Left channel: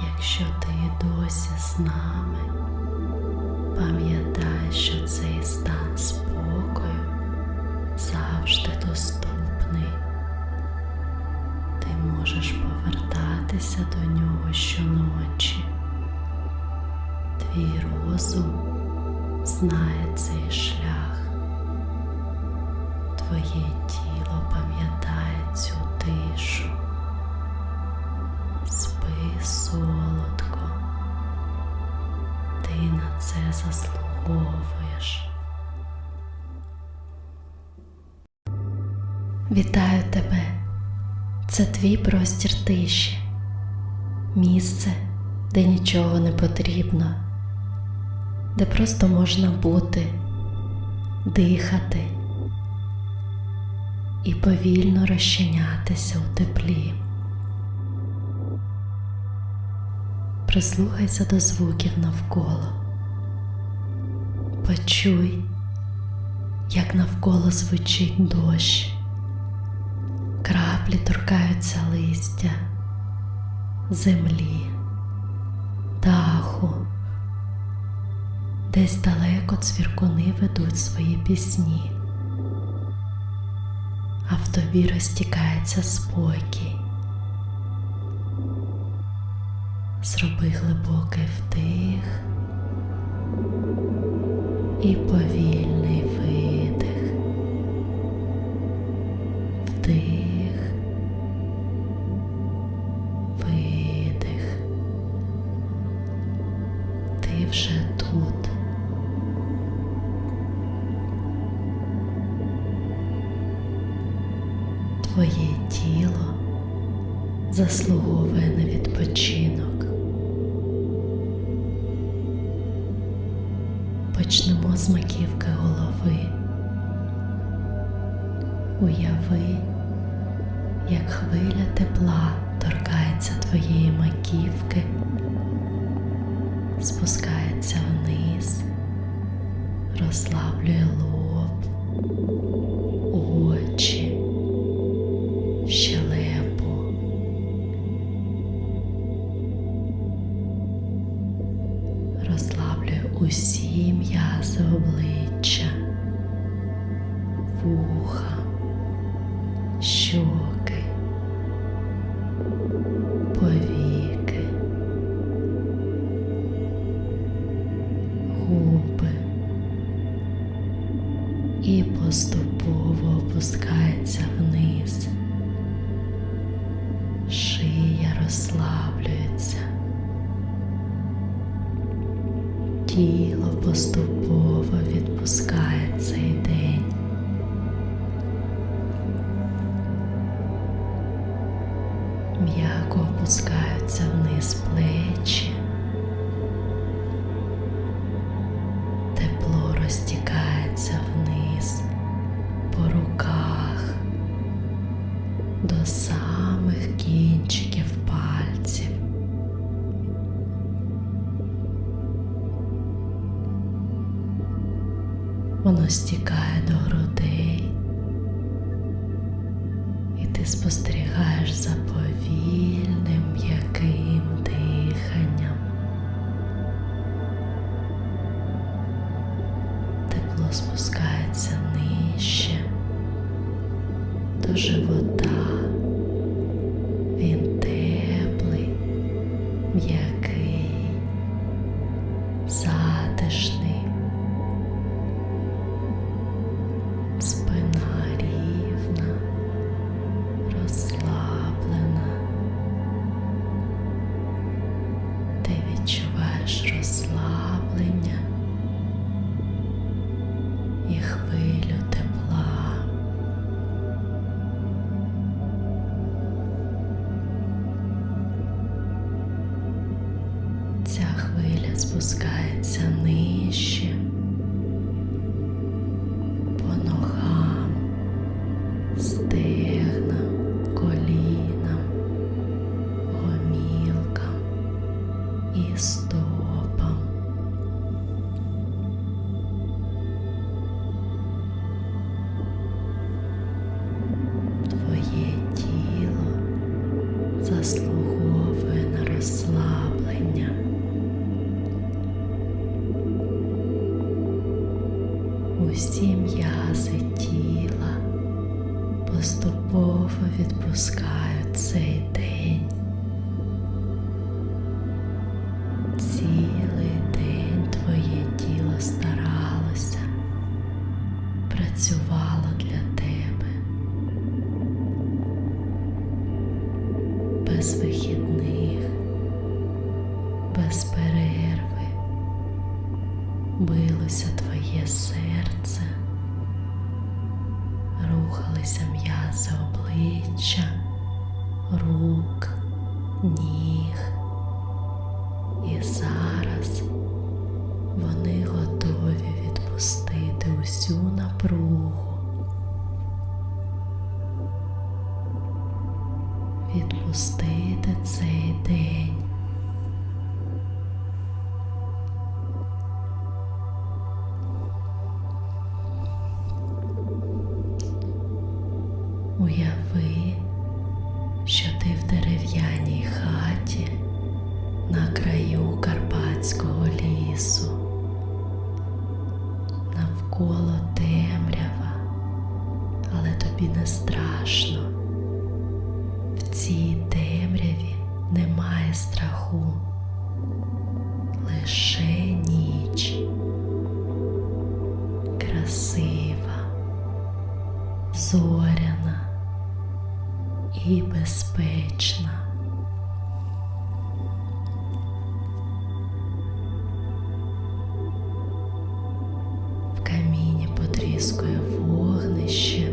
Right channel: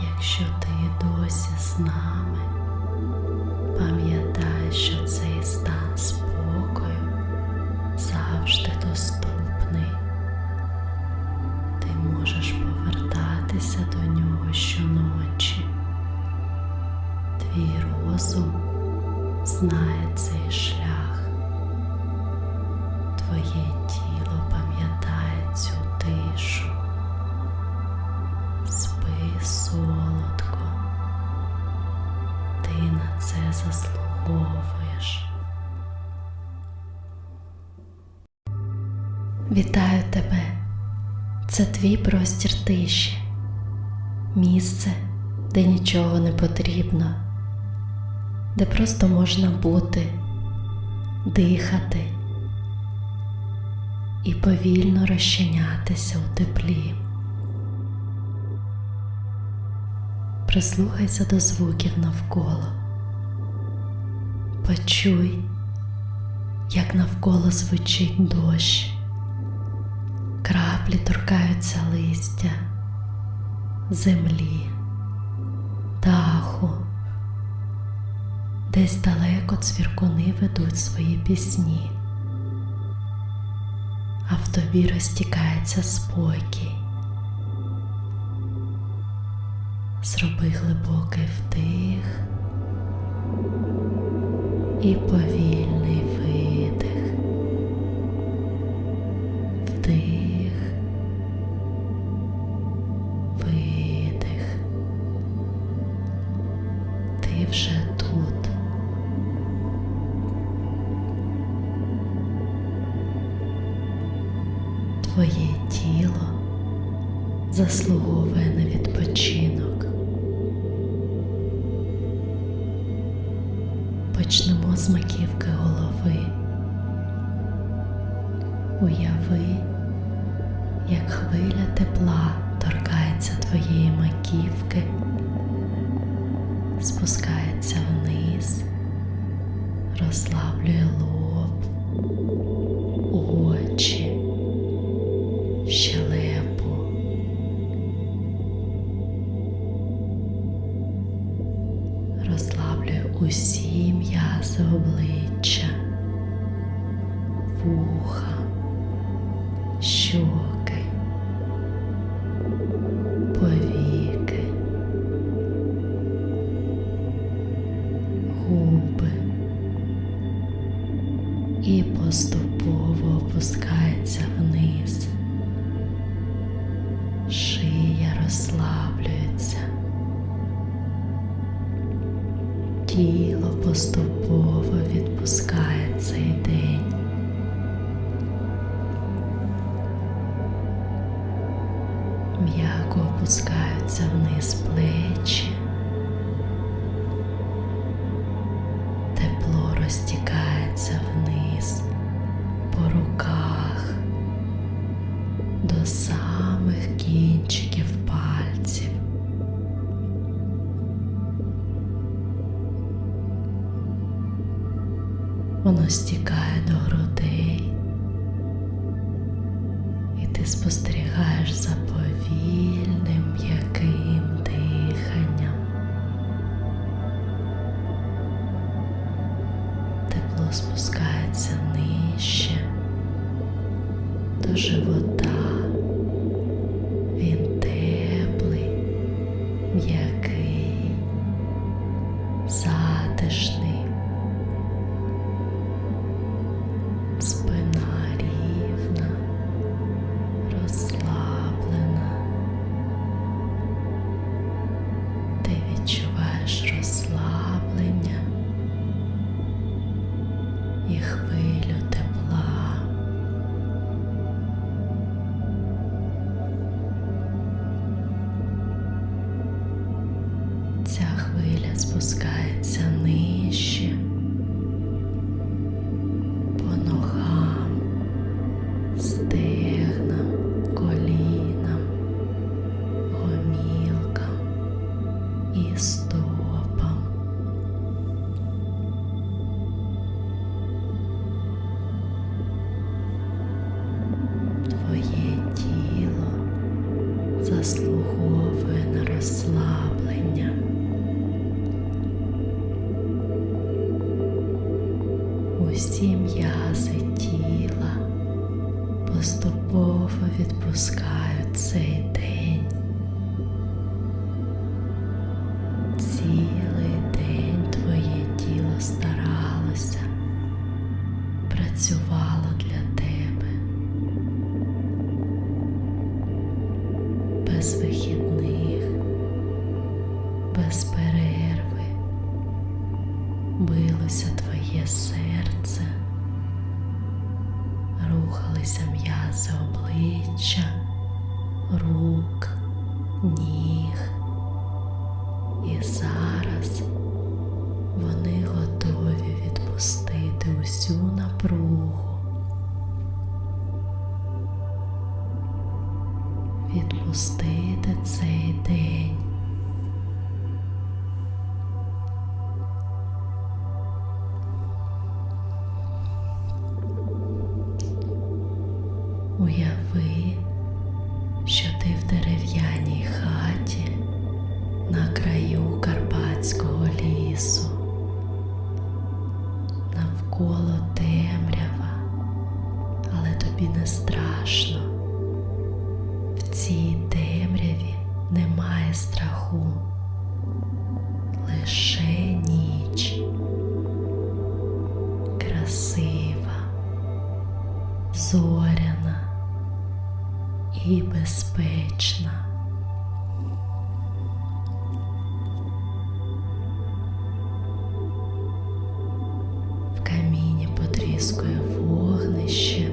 Якщо ти досі з нами, пам'ятай, що цей стан спокою завжди доступний. Ти можеш повертатися до нього щоночі. Твій розум знає цей шлях. Твоє тіло пам'ятає цю тишу. Спи солодко. Заслуговуєш. Вітаю тебе. Це твій простір тиші. Місце, де нічого не потрібно, де просто можна бути, дихати і повільно розчинятися у теплі. Прислухайся до звуків навколо. Почуй, як навколо звучить дощ. Краплі торкаються листя, землі, даху. Десь далеко цвіркуни ведуть свої пісні, а в тобі розтікається спокій. Зроби глибокий вдих і повільний видих. Вдих, видих. Ти вже тут. Твоє тіло заслуговує на відпочинок. Почнемо з маківки голови. Уяви, як хвиля тепла торкається твоєї маківки, спускається вниз, розслаблює лоб, очі, вуха, щоки, повіки, губи і поступово опускається вниз. Шия розслаблюється. Тіло поступово відпускає цей день. М'яко опускаються вниз плечі. Тепло розтікається вниз по руках до самих кінчиків пальців. Воно стікає до грудей, і ти спостерігаєш спускається нижче до живота. Заслуговує на розслаблення. Усі м'язи тіла поступово відпускають цей обличчя, рук, ніг. Уяви, що ти в дерев'яній хаті на краю Карпатського лісу. Навколо темрява, але тобі не страшно. В цій темряві немає страху, безпечна. В каміні потріскує вогнище,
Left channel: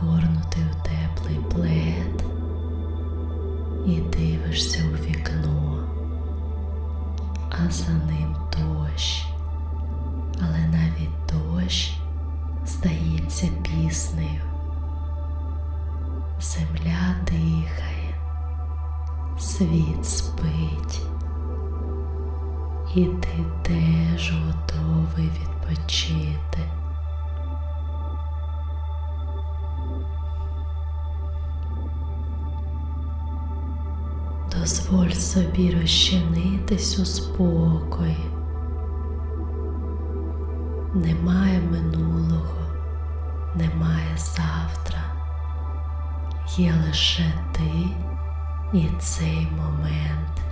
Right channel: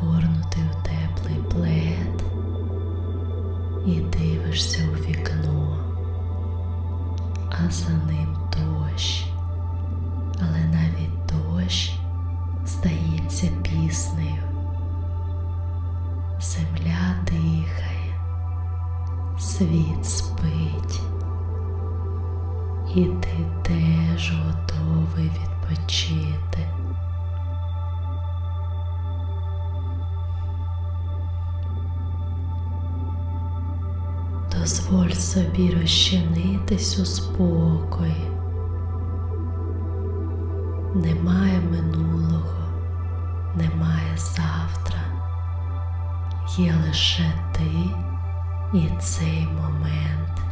загорнутий у теплий плед і дивишся у вікно, а за ним дощ, але навіть дощ здається піснею. Земля дихає, світ спить, і ти теж готовий відпочити. Дозволь собі розчинитись у спокої. Немає минулого, немає завтра. Є лише ти і цей момент.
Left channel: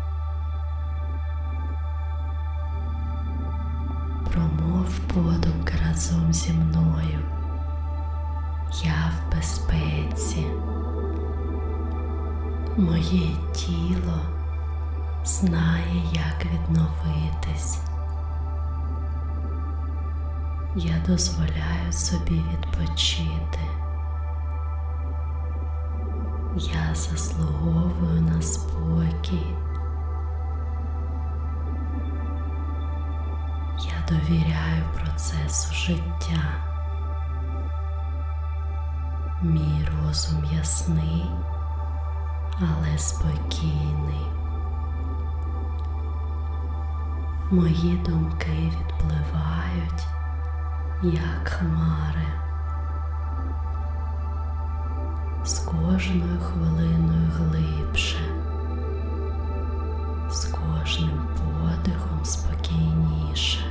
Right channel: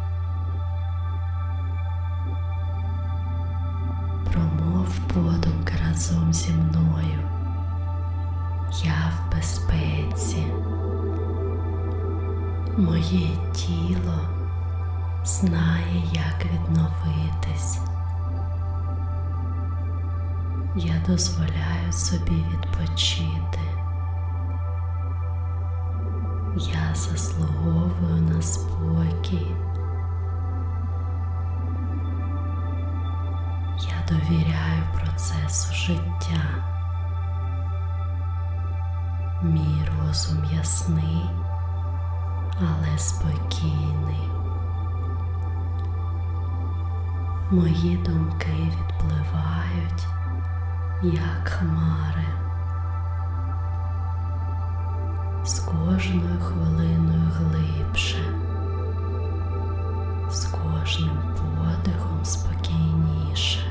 Промов подумки разом зі мною. Я в безпеці. Моє тіло знає, як відновитись. Я дозволяю собі відпочити. Я заслуговую на спокій. Я довіряю процесу життя. Мій розум ясний але спокійний. Мої думки відпливають, як хмари. З кожною хвилиною глибше, з кожним подихом спокійніше.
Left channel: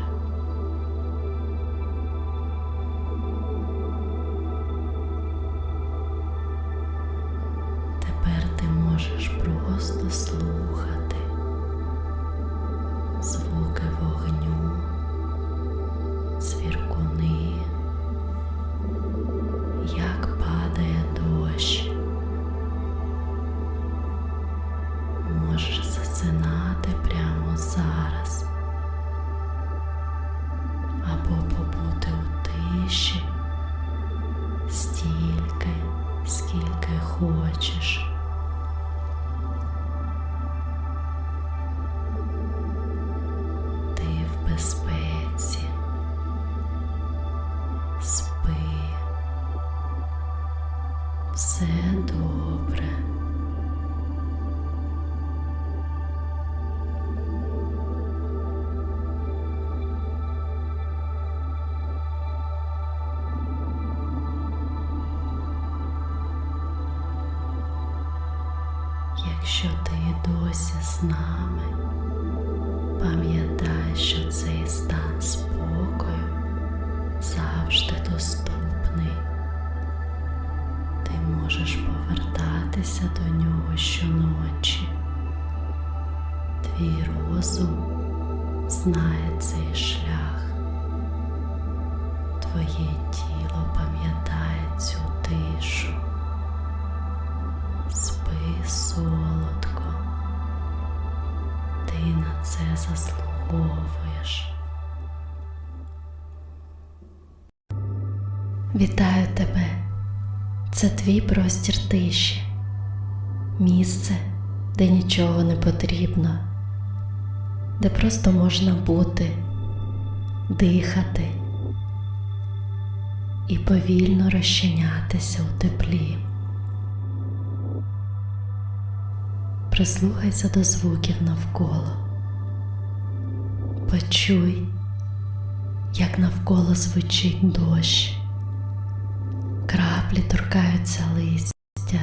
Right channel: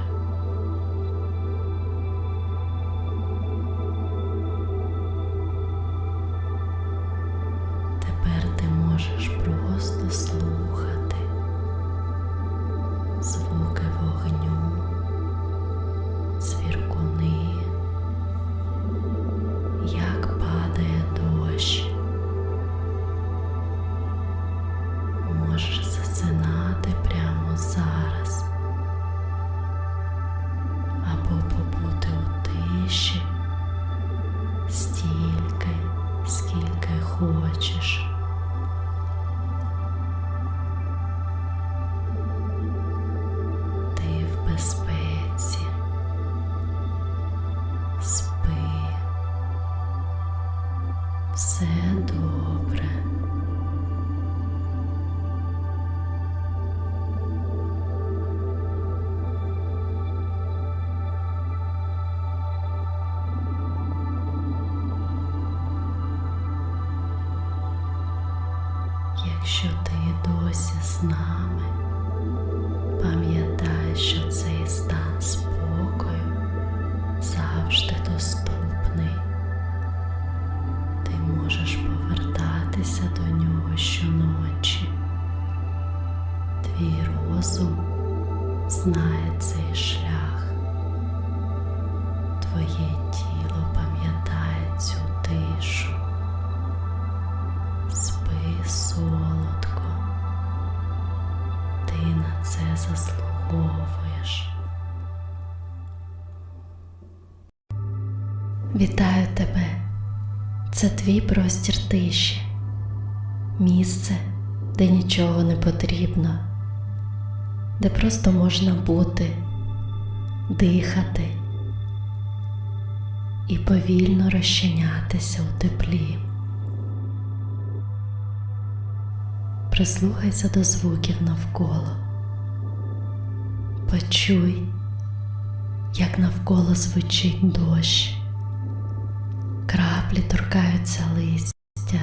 Якщо ти досі з нами, пам'ятай, що цей стан спокою завжди доступний. Ти можеш повертатися до нього щоночі. Твій розум знає цей шлях. Твоє тіло пам'ятає цю тишу. Солодко. Ти на це заслуговуєш. Вітаю тебе. Це твій простір тиші. Місце, де нічого не потрібно, де просто можна бути, дихати і повільно розчинятися у теплі. Прислухайся до звуків навколо. Почуй, як навколо звучить дощ. Краплі торкаються листя,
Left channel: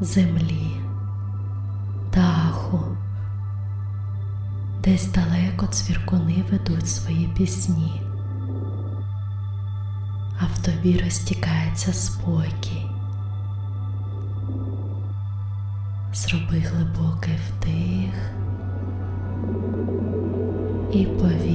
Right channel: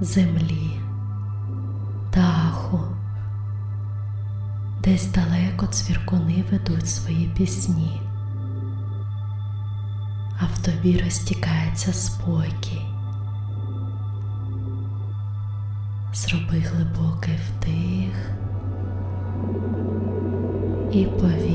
землі, даху. Десь далеко цвіркуни ведуть свої пісні, а в тобі розтікається спокій. Зроби глибокий вдих. І повільний